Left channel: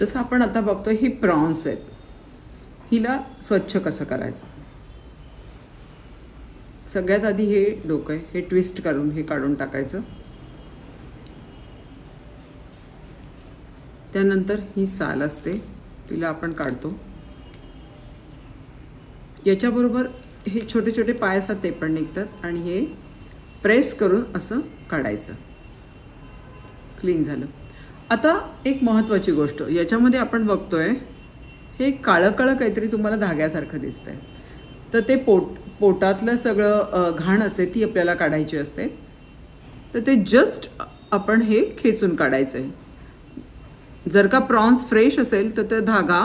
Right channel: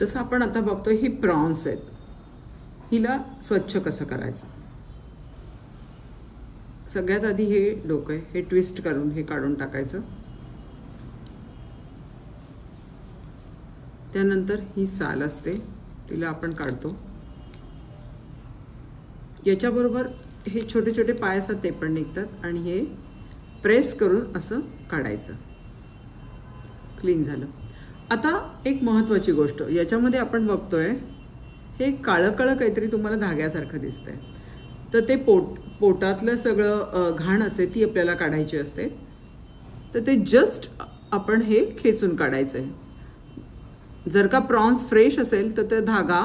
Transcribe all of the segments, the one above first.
जसं आपण आता बघतो ही प्रॉन्स आहेत, हिला स्वच्छ कसं करायचं। सगळ्यात आधी हे डोकं आहे, हे ट्विस्ट करून हे काढून टाकायचं। त्यानंतर ही साल असते, तिला आपण काढतो। याच्याबरोबर हे छोटे छोटे पाय असतात ते पण निघतात आणि हे प्रेस करून असं काढायचं। क्लीन झालं। आता एक महत्त्वाची गोष्ट याच्यामध्ये आपण बघतोय, हे काळं काळं काहीतरी तुम्हाला धाग्यासारखं दिसतंय, तर ते पोटातलं सगळं घाण असते ती आपल्याला काढायची असते। तर ते जस्ट आपण हे खेचून काढायचं आहे। जर का प्रॉन्स फ्रेश असेल तर ते धागा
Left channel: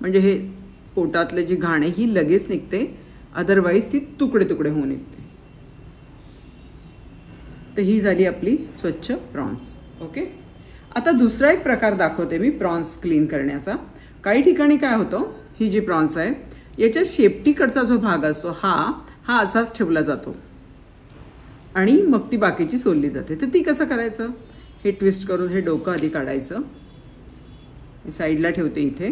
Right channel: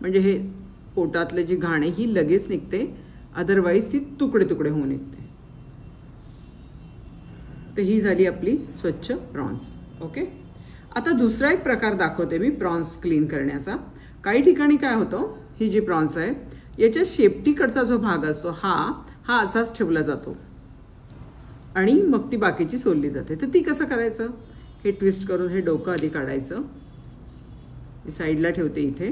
म्हणजे हे पोटातले जी घाण आहे ही लगेच निघते, अदरवाईज ती तुकडे तुकडे होऊन निघते। तर ही झाली आपली स्वच्छ प्रॉन्स। ओके, आता दुसरा एक प्रकार दाखवते मी प्रॉन्स क्लीन करण्याचा। काही ठिकाणी काय होतं, ही जी प्रॉन्स आहे याच्या शेपटीकडचा जो भाग असतो हा असाच ठेवला जातो आणि मग ती बाकीची सोलली जाते। तर ती कसं करायचं, हे ट्विस्ट करून हे डोकं आधी काढायचं, मी साईडला ठेवते इथे।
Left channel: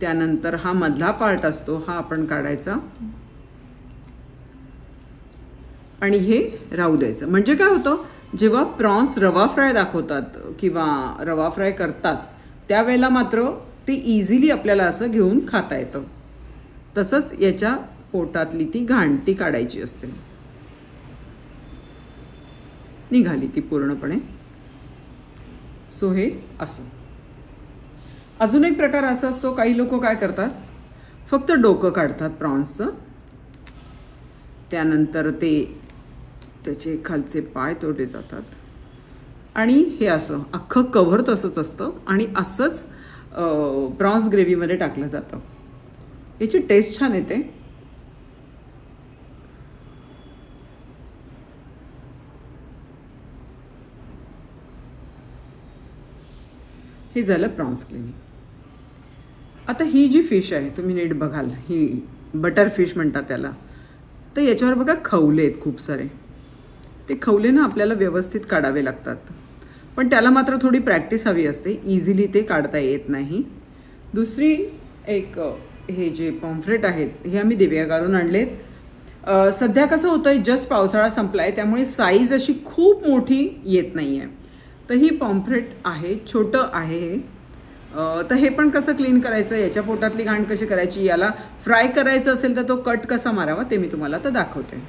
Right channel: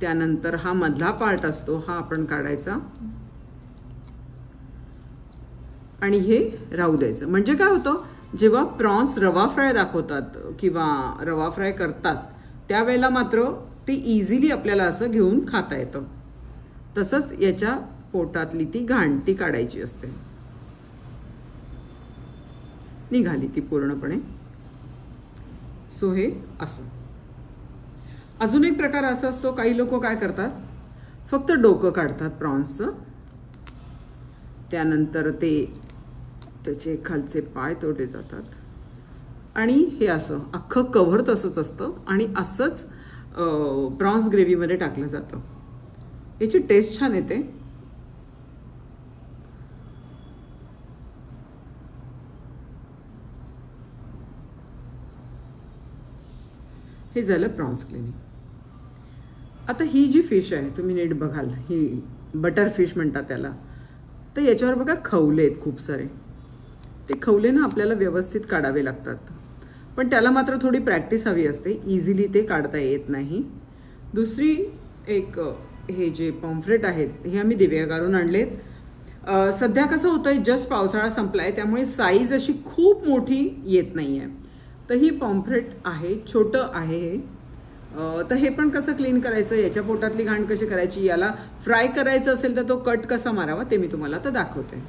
त्यानंतर हा मधला पार्ट असतो हा आपण काढायचा आणि हे राहू द्यायचं। म्हणजे काय होतं, जेव्हा प्रॉन्स रवा फ्राय दाखवतात किंवा रवा फ्राय करतात त्यावेळेला मात्र ते इझिली आपल्याला असं घेऊन खाता येतं। तसंच याच्या पोटातली ती घाण ती काढायची असते। निघाली ती पूर्णपणे। सो हे असं। अजून एक प्रकार असा असतो, काही लोक काय करतात, फक्त डोकं काढतात प्रॉन्सचं, त्यानंतर ते त्याचे खालचे पाय तोडले जातात आणि हे असं अख्खं कव्हर तसंच असतं आणि असंच प्रॉन्स ग्रेव्हीमध्ये टाकलं जातं। याची टेस्ट छान येते। हे झालं प्रॉन्स क्लिनिंग। आता ही जी फिश आहे तुम्ही नीट बघाल, ही बटर फिश म्हणतात त्याला, तर याच्यावर बघा खवले आहेत खूप सारे। ते खवले ना आपल्याला व्यवस्थित काढावे लागतात, पण त्याला मात्र थोडी प्रॅक्टिस हवी असते, इझिली ते काढता येत नाही। दुसरी एक हे जे पॉम्फ्रेट आहेत हे आम्ही दिव्यागारून आणलेत। सध्या कसं होतंय, जस्ट पावसाळा संपलाय त्यामुळे साईज अशी खूप मोठी येत नाहीये। तर ही पॉम्फ्रेट आहे, छोटं आहे। तर हे पण कसं क्लीन करायचं, याच्या पोटातली घाण कशी करायची, याला फ्राय करायचं असेल तर तो कट कसा मारावा ते मी तुम्हाला आता दाखवते।